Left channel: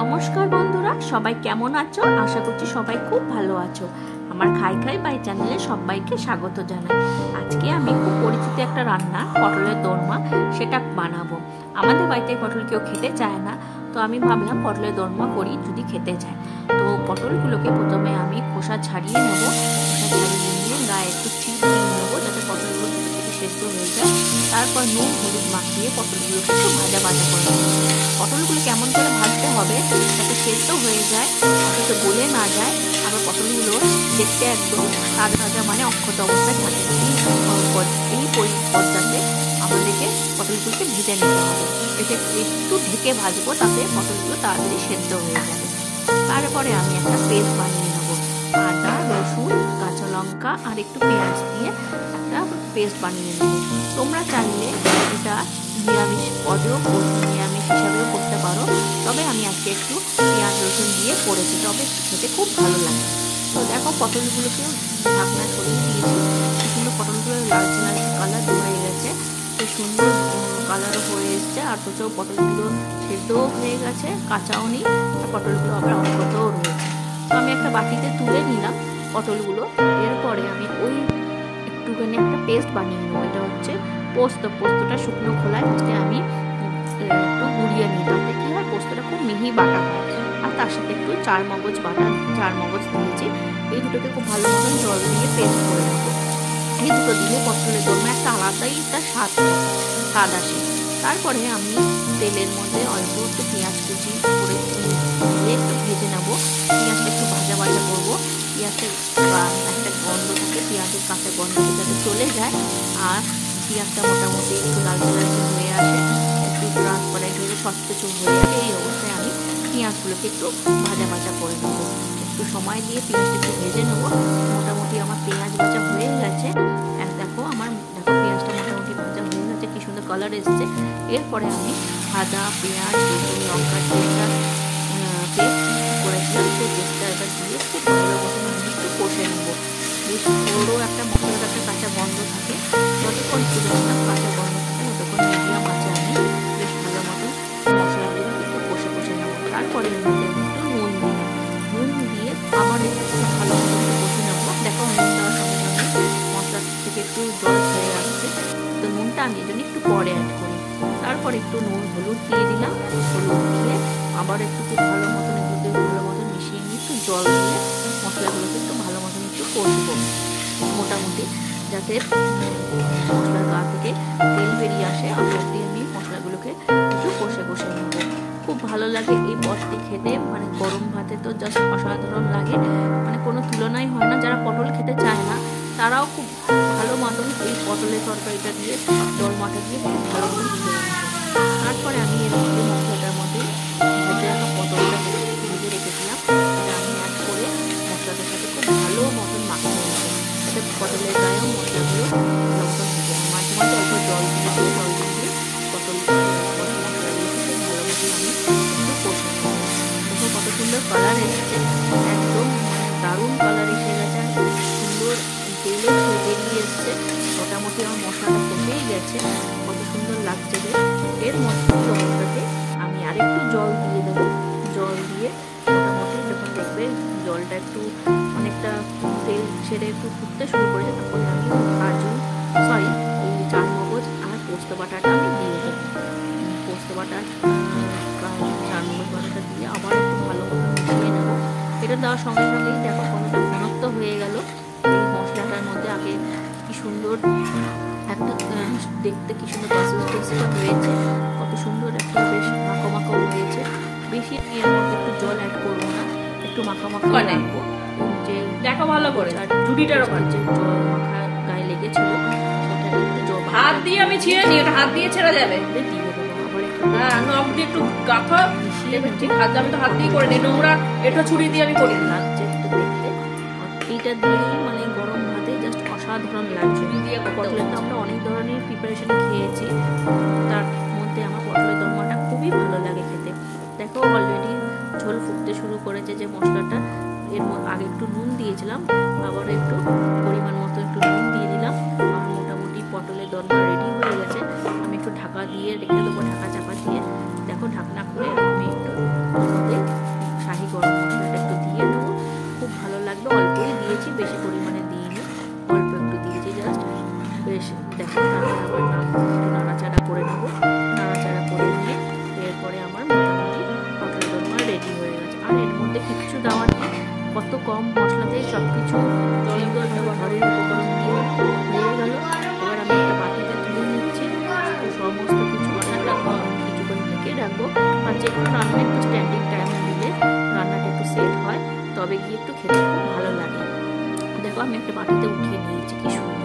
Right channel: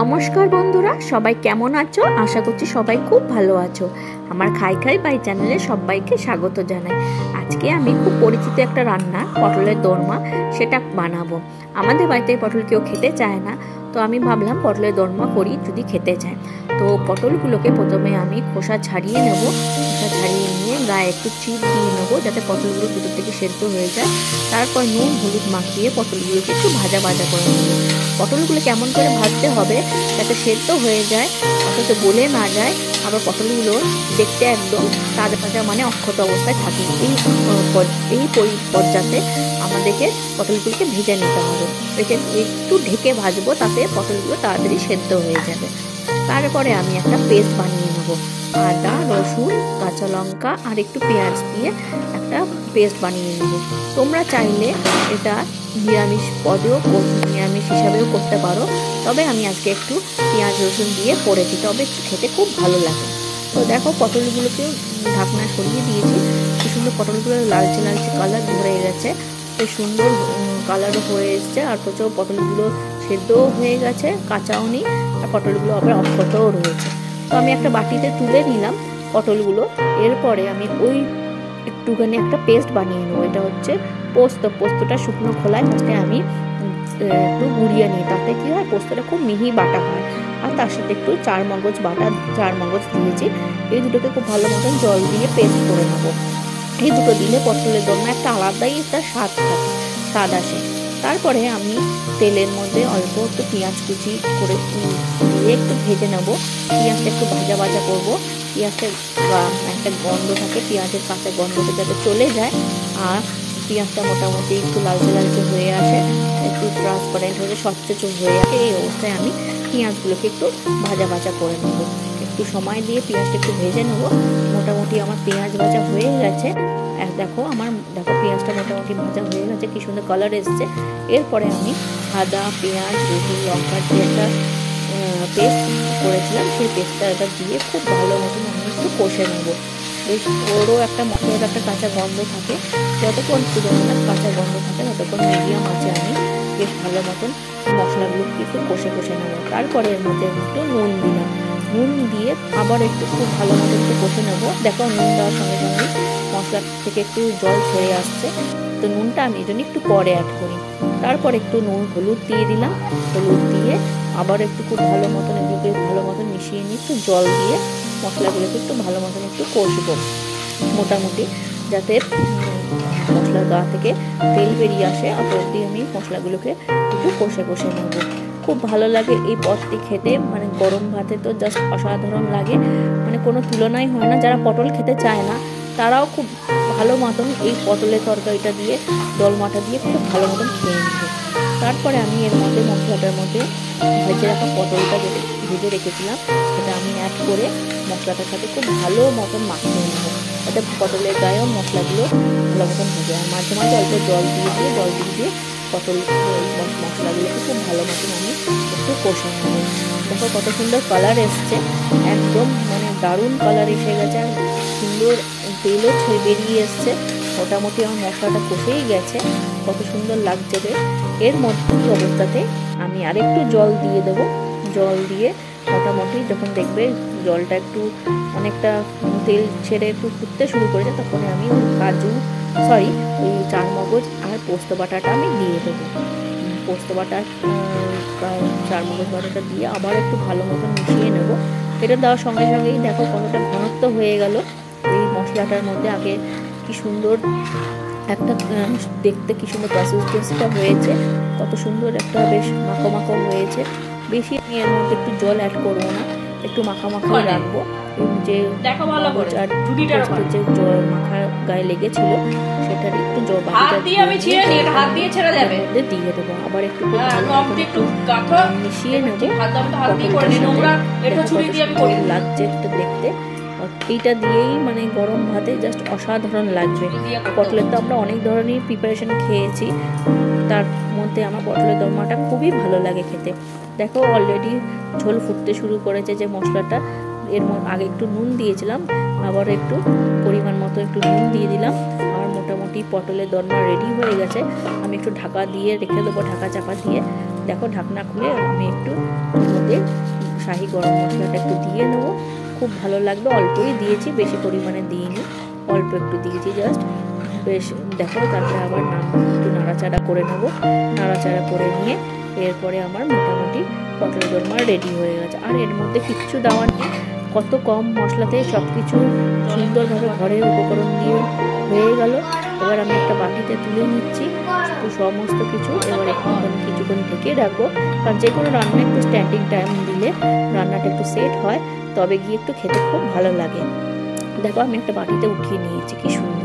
নমস্কার বন্ধুরা, সবাই কেমন আছো? আশা করছি সবাই খুব ভালো আছো। আমার খাই খাই বাই চ্যানেলে সবাইকে স্বাগত জানাই। আজকে আমি খুব পরিচিত একটা রান্না, পটলের দোরমা, সেটা বানাবো। আমাদের বাড়িতে পটল কেউ খেতে চায় না, তো আমি ভাবলাম পটলের দোরমা করি যদি খেতে চায়। তো পটলগুলোকে প্রথমে আমি খোসা ছাড়িয়ে নেব। খোসা ছাড়িয়ে নিয়ে গায়ে একটু চিপ দিয়ে নেবো, যাতে পটলগুলো ভিতর থেকে সেদ্ধ হয়ে যায়। তারপর নুন হলুদ মাখিয়ে পটলগুলোকে একটু ভাজা ভাজা করে নেবো। পটলগুলো কেমন করে ভাজতে হবে যাতে সেদ্ধ হয়ে যায়, অথচ গলে না যায়, আবার পটলগুলো দেখতে একদম তাজা ভাজা মানে অক্ষত অবস্থায় থাকে। এই পর্যায়ে আমাদেরকে পটলগুলোকে ভেজে নিতে হবে। এটা একটু ঢেকে ভাজবো, তাতে পটলগুলো তাড়াতাড়ি সেদ্ধ হয়ে যাবে। তারপরে আমি একটা পেস্ট বানিয়ে নেবো। আদা, রসুন, কাঁচা লঙ্কা আর একটু পেঁয়াজ দিয়ে একটা পেস্ট বানিয়ে নেব। তোমরা চাইলে এটা নিরামিষ পদেও নিরামিষ হিসাবেও করতে পারো, তবে আমি আজকে একটু পেঁয়াজ রসুন দিয়ে করেছি, তবে খেতে খুব ভালো লাগে। তো দেখো, পটলগুলোকে ঢাকনা সরিয়ে দিয়েছি। কি সুন্দর পটলগুলো লালচে লালচে কালার ধরে গেছে, বেশ সুন্দর কালারও হয়ে এসছে। আর তো পটলগুলো সেদ্ধও হয়ে গেছে, কাঁচাও নেই, আর পটলগুলো আবার অক্ষতও রয়েছে। তো আমি একটা বাটিতে তুলে নিলাম পটলগুলো। এরপরে আমি ওই একটুখানি একটা পেস্ট বানিয়ে নেবো। এটা হচ্ছে পোস্তটা শুকনো খোলায় আজকে আমি একটু গুঁড়িয়ে নিই, তাতে কি হয় পোস্তটা খুব মিহি বাটা হয়। আর তার সাথে একটু চার মগজ দিয়েছি। এই দুটোকে খুব ভালো মতন জল দিয়ে পেস্ট করে নেবো। এই দুটো দিলে পটলের দোরমা একটা আলাদাই একটা স্বাদ আসে। তারপরে আমি তেলের মধ্যে অল্প একটু পেঁয়াজ কুচি করে দিয়ে একটু ভেজে নেবো। পেঁয়াজটা একটু ভাজা ভাজা করবো। পেঁয়াজের একটা গন্ধ থাকে, পেঁয়াজের কাঁচা গন্ধটা যাতে চলে যায়, আর পেঁয়াজটা মোটামুটি একটু লালচে লালচে হয়ে আসে, একটু ট্রান্সপারেন্ট হয়ে স্বচ্ছ হয়ে আসে। এই অবস্থায় আমি পেঁয়াজগুলোকে একটু ভাজা ভাজা করে নেবো। একটু সময় দিয়ে পেঁয়াজটা একটু ভেজে নেবো। মোটামুটি আমার পেঁয়াজ ভাজা হয়ে গেছে। দেখো পেঁয়াজটা মোটামুটি ভাজা হয়ে গেছে, কি সুন্দর কালার এসছে। এরপরে আমি আদা, পেঁয়াজ, রসুন, লঙ্কার যে একটা পেস্ট করেছিলাম, সেই পেস্টটা এবার দিয়ে খুব ভালো মতন আমি একটু কষে নেবো। বেশ ওরও একটা মশলার একটা কাঁচা গন্ধ থাকে, যতক্ষণ পর্যন্ত কাঁচা গন্ধ থাকে ততক্ষণ মিডিয়াম আছে আমি বেশ ভালো মতন মশলাগুলো একটু কষে নেবো। তারপরে এর মধ্যে একটু নুন দিলাম। নুন দিয়ে আবার একটু খুব ভালো মতন একটু কষে নেবো। দেখো, নুন দেওয়ার সঙ্গে সঙ্গে মশলা থেকে একটু জল ছেড়ে আসছে, তো নুনটা আমি এজন্য একটু পরে অ্যাড করি। তারপর একটু হলুদ দিয়ে দিলাম। হলুদ দিয়ে আবার একটু খুব ভালো মতন এগুলোকে ভালো মতন মিশিয়ে নিয়ে একটু জল দিয়ে মশলাগুলোকে একটু ভালো মতন একটু কষবো, মোটামুটি যাতে মশলার গা থেকে তেল বেরিয়ে আসে, অত অবধি আমি মশলাগুলোকে একটু কষে নেবো। খুব ভালো লাগে এই পদটি খেতে, মানে গরম ভাতে তো জাস্ট অসাধারণ লাগে, মানে কোনো তুলনাই হয় না। যারা পটল খেতে চায় না তারাও খুব ভালো মতন এই পটলের তরকারিটা দিয়ে, দোরমাটা দিয়ে খুব ভালো মতন খেয়ে নেবে। তারপরে আমি এর মধ্যে মশলাটার মধ্যে ভেজে রাখা পটলটা ভেজে রেখেছিলাম, সেটা আমি অ্যাড করে মশলাটার সাথে খুব ভালো মতন মাখিয়ে নেবো, যাতে পটলের গায়েও মশলাগুলো ভালো মতন ভেজে। আর মাঝে মাঝে অল্প জল দিয়ে পটল মশলাগুলোকে খুব ভালো মতন আমি একটু কষে নেবো। দেখো কত সুন্দর কালার এসছে, একদম মানে দারুণ কালার এসে গেছে, আর সুন্দর তেলও বেরিয়ে এসছে। মোটামুটি আমার মশলাটা কষেই গেছে, কত সুন্দর লাগছে রে। এর মধ্যে অবস্থাতে আমি আরেকটু জল দিয়ে দেবো। জল দিয়ে মোটামুটি যখন দেখবে জলটা একটু অনেকটা তেল ছেড়ে একটু ফুটতে শুরু করেছে, তখন আমি ওই চার মগজ আর পোস্ত বাটাটা আমি দিয়ে দেবো। পোস্ত বাটা চার মগজ বাটাটা দিয়ে আবার একটু ভালো মতন মিশিয়ে নেবো। এটা দেওয়ার সঙ্গে সঙ্গেই দেখো কতটা ঘনত্ব হয়ে গেল এই মশলাটার মধ্যে। আগে কি সুন্দর একটা দেখতে কি সুন্দর কনসিস্টেন্সিটা হয়েছে, কত সুন্দর একটা বেশ মাখো হয়েছে। বেশি আমি এর মধ্যে একটু জল অ্যাড করবো না, একটু মাখা রাখবো। যে দেখো ভালো করে আর যে জল মাখা গায়ে লেগেছিল সেটা একটু জল হাত দিয়ে আমি ছিঁড়ে নিই, এটা হাত দিয়ে ছেড়ে যাবে, দিয়ে দেবো। আবার একটু একটু গাথা মিশিয়ে নেবো। হাত দিয়ে করে নিই, নোংরা একটু ছুরি দিয়ে আমি করে লাগছে দেখতে। এইটা দিয়েই মানে গরম ভাতে জাস্ট অসাধারণ লাগছে। পটলের তো আমরা অনেক ধরনের প্রিপারেশন খেয়েছি, তার মধ্যে আমার পটলের দোরমাটা খুবই ভালো লাগে খেতে। দেখো অলরেডি ঝোল ফুটতে শুরু করেছে যে মশলাটা, এর আগে একটু নুন দিয়েছিলাম, আবার একটু পরিমাণ মতো একটু নুন দিয়ে দিলাম। আমার মোটামুটি পটলের দোরমা রেডি হয়ে গেছে। আমি একটু ঢাকা দিয়ে রেখে দেবো, ঢাকা চাপা দিয়ে দেখো ঢাকনা খুলে আমি একটু মধ্যে শাহি গরম মশলাটা একটু দিয়ে নেবো, খুব ভালো লাগবে। অল্পই দিয়েছি, বেশি পরিমাণে দিইনি, অল্প একটু দিয়েছি জাস্ট। বেশ দেখো, তারপরে আবার একটু নাড়াচাড়া করে নেব। নাড়াচাড়া করে নিয়ে এরপরে আমার মোটামুটি পটলের দোরমা রেডি হয়ে গেছে। আর এর মধ্যে কিচ্ছু দেওয়ার নেই, কত কম মশলাতেই সব কিছু সুন্দরভাবে ঘরের উপকরণ দিয়ে হয়ে গেল। এবার আমি একটা বাটিতে তুলে নিচ্ছি সমস্ত কিছু। এবার এখন আমি কিছুক্ষণ ঢেকে রাখবো, কারণ যে কোনো রান্না একটু স্ট্যান্ডিং টাইম দিলে রান্নাটা একটু সেট হয়, তবে গিয়ে একটু খেতে খুব ভালো লাগে। দেখো আমি একটা বাটিতে উঠিয়ে নিয়েছি, কি সুন্দর